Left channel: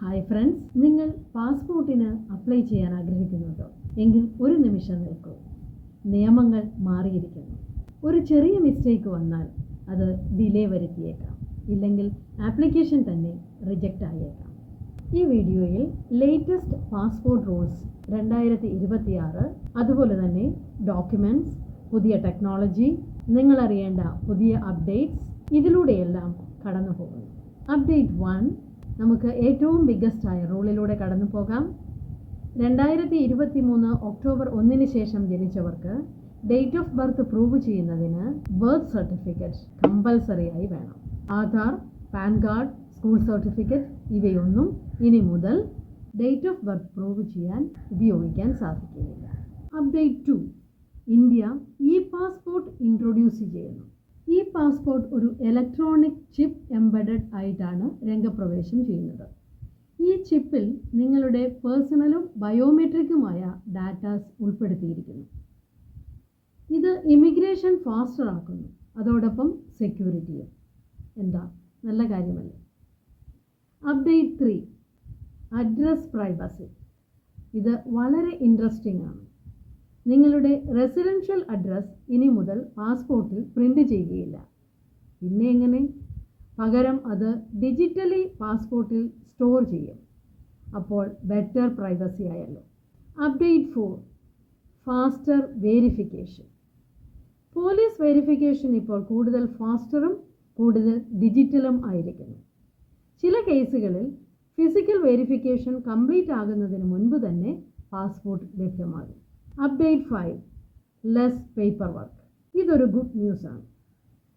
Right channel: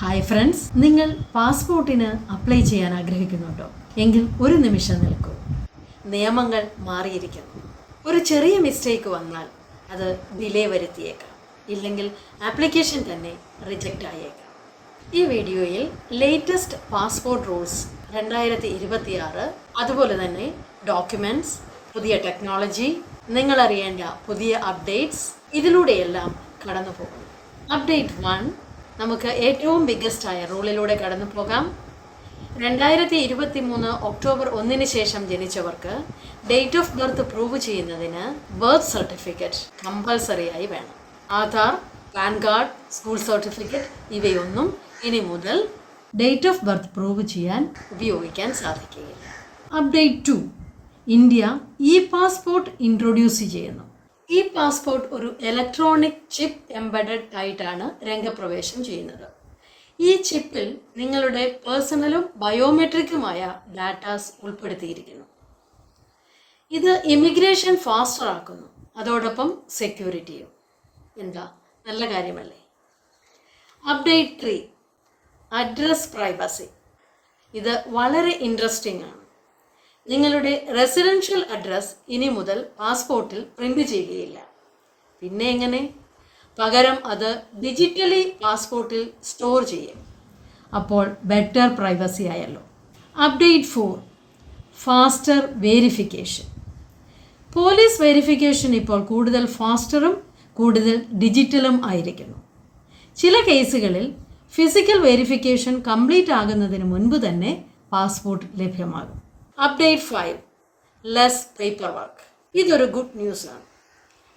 Hi friends, നിങ്ങൾ പാസ്പോർട്ടിന് apply ചെയ്യാൻ ആഗ്രഹിക്കുന്നുണ്ടോ? എങ്കിൽ ഒരു നിമിഷം നിൽക്കൂ. നിയമങ്ങൾ മാറിയിരിക്കുന്നു. ഒരു ചെറിയ മിസ്റ്റേക്ക് വന്നാൽ അത് ഡിലേ വരുത്തിയേക്കാം, ഇല്ലെങ്കിൽ ആപ്ലിക്കേഷൻ തന്നെ റിജക്റ്റ് ആയേക്കാം. ഈ വീഡിയോയിൽ ലേറ്റസ്റ്റ് പാസ്പോർട്ട് റൂൾസ് 2026, അതുപോലെ തന്നെ ഡോക്യുമെൻറ്റ്സ്, പുതിയ ടെക്നോളജി, നിങ്ങൾ അറിയേണ്ട പുതിയ അപ്ഡേറ്റ്സ്, ഇതിലൂടെയെല്ലാം കടന്നു പോകുന്നു. അപ്ഡേറ്റ് 1, നമുക്ക് ഏറ്റവും ബിഗ്ഗസ്റ്റായ റൂളിലൂടെ കടന്നു പോകാം. 2023 ഒക്ടോബർ 1 ശേഷം ജനിച്ചവർക്ക് ഡേറ്റ് ഓഫ് ബർത്ത് പ്രൂവ് ചെയ്യുന്നതിന് ബർത്ത് സർട്ടിഫിക്കറ്റ് കമ്പൽസറി ആയി വേണം. Aadhaar, pan card, school certificate ഇവയൊന്നും ഇനി മുതൽ ഡേറ്റ് ഓഫ് ബർത്ത് പ്രൂവ് ചെയ്യാൻ ഉപയോഗിക്കാൻ സാധിക്കുകയില്ല. Update 2, India E passport introduce ചെയ്യുന്നു. ഈ പാസ്പോർട്ട് ഒരു ഇലക്ട്രോണിക് ചിപ്പ് എംബഡഡ് ആയിട്ടാണ് രംഗപ്രവേശം ചെയ്യുന്നത്. ഈ ചിപ്പിൽ നിങ്ങളുടെ പേഴ്സണലും ബയോമെട്രിക്കുമായ ഡാറ്റാസ് ഉൾപ്പെടുത്തിയിരിക്കുന്നു. ഇത് ഇമിഗ്രേഷൻ ഫാസ്റ്റർ ആക്കുന്നു, അതോടൊപ്പം സെക്യൂരിറ്റിയും. എന്താ, നല്ല കാര്യമല്ലേ? Update 3, address privacy. ഇത് വളരെ ഇൻട്രസ്റ്റിംഗ് ആണ്. നിങ്ങളുടെ റെസിഡൻഷ്യൽ അഡ്രസ് ഇനി മുതൽ പാസ്പോർട്ടിൽ പ്രിൻ്റ് ചെയ്യുകയില്ല. പിന്നെ എങ്ങനെ? പകരം അത് ഡിജിറ്റലി പാസ്പോർട്ടിൽ സ്റ്റോർ ചെയ്യും. അപ്പോൾ ബെറ്റർ പ്രൈവസി ആയല്ലോ. Update 4, faster verification. Police verification ഇപ്പോൾ കൂടുതൽ ഫാസ്റ്ററും കൂടുതൽ ഡിജിറ്റലും ആയിരിക്കുന്നു. ചില കേസുകളിൽ ഫിസിക്കൽ വെരിഫിക്കേഷൻ കംപ്ലീറ്റ് ആകുന്നതിന് മുൻപ് തന്നെ പാസ്പോർട്ട് ലഭ്യമാകും. Update 5, less paper work. ഇതൊരു ഗുഡ് ന്യൂസ് ആണ്.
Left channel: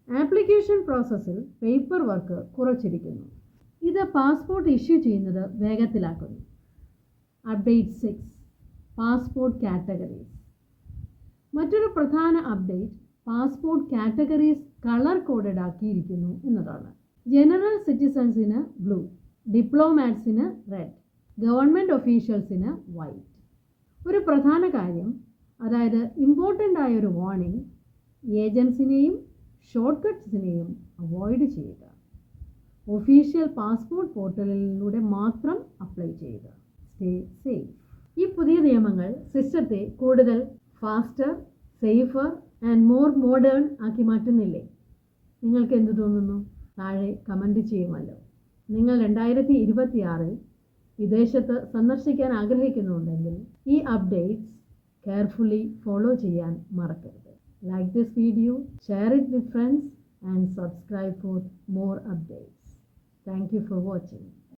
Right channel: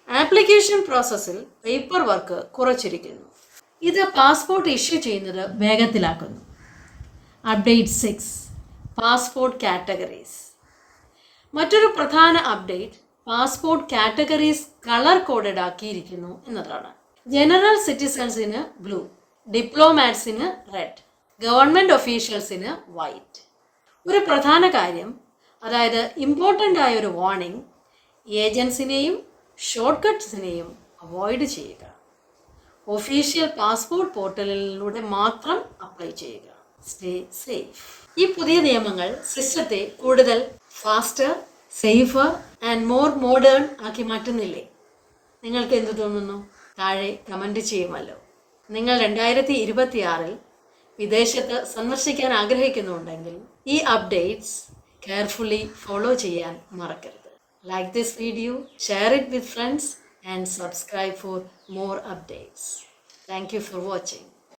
ആപ്ലിക്കേഷൻ പ്രോസസ്സിൽ പേപ്പർ വർക്ക് കുറച്ചിരിക്കുന്നു. ഇത് പാസ്പോർട്ട് ഇഷ്യൂ ചെയ്യുന്നത് വേഗത്തിലാക്കുന്നു. Update 6, passport categories. മറ്റൊരു പ്രധാന update passport categories colour coded ആക്കിയിരിക്കുന്നു എന്നതാണ്. ജനറൽ സിറ്റിസൺസിന് ബ്ലൂ, ഡിപ്ലോമാറ്റ്സിന് റെഡ്, ഗവൺമെൻറ് ഒഫീഷ്യൽസിന് വൈറ്റ്. ഒരു പ്രധാന കാര്യം, അതായത് ഇമ്പോർട്ടൻ്റ് ആയ ഒരു വാർണിംഗ്, ഏജൻസിനെയും ഷോർട്ട് കട്ട്സിനെയും അവോയ്ഡ് ചെയ്യുക. ഒഫീഷ്യൽ പാസ്പോർട്ട് പോർട്ടലിലൂടെ മാത്രം അപ്ലൈ ചെയ്യുക. Stay safe. ഈ പുതിയ നിയമങ്ങൾ സിസ്റ്റത്തെ കൂടുതൽ faster, safer and more modern ആക്കി മാറ്റുന്നില്ലേ? നിങ്ങൾക്ക് എന്തു തോന്നുന്നു? താഴെ കമൻറ്റ് ചെയ്യുമല്ലോ. നിങ്ങൾ 2026 വിദേശത്ത് സന്ദർശിക്കാൻ ആഗ്രഹിക്കുന്നുണ്ടെങ്കിൽ ഈ അപ്ഡേറ്റ്സ് കെയർഫുള്ളി ഫോളോ ചെയ്യാൻ മറക്കരുത്. Like this video, share it with friends and subscribe four more updates. Thank you for watching.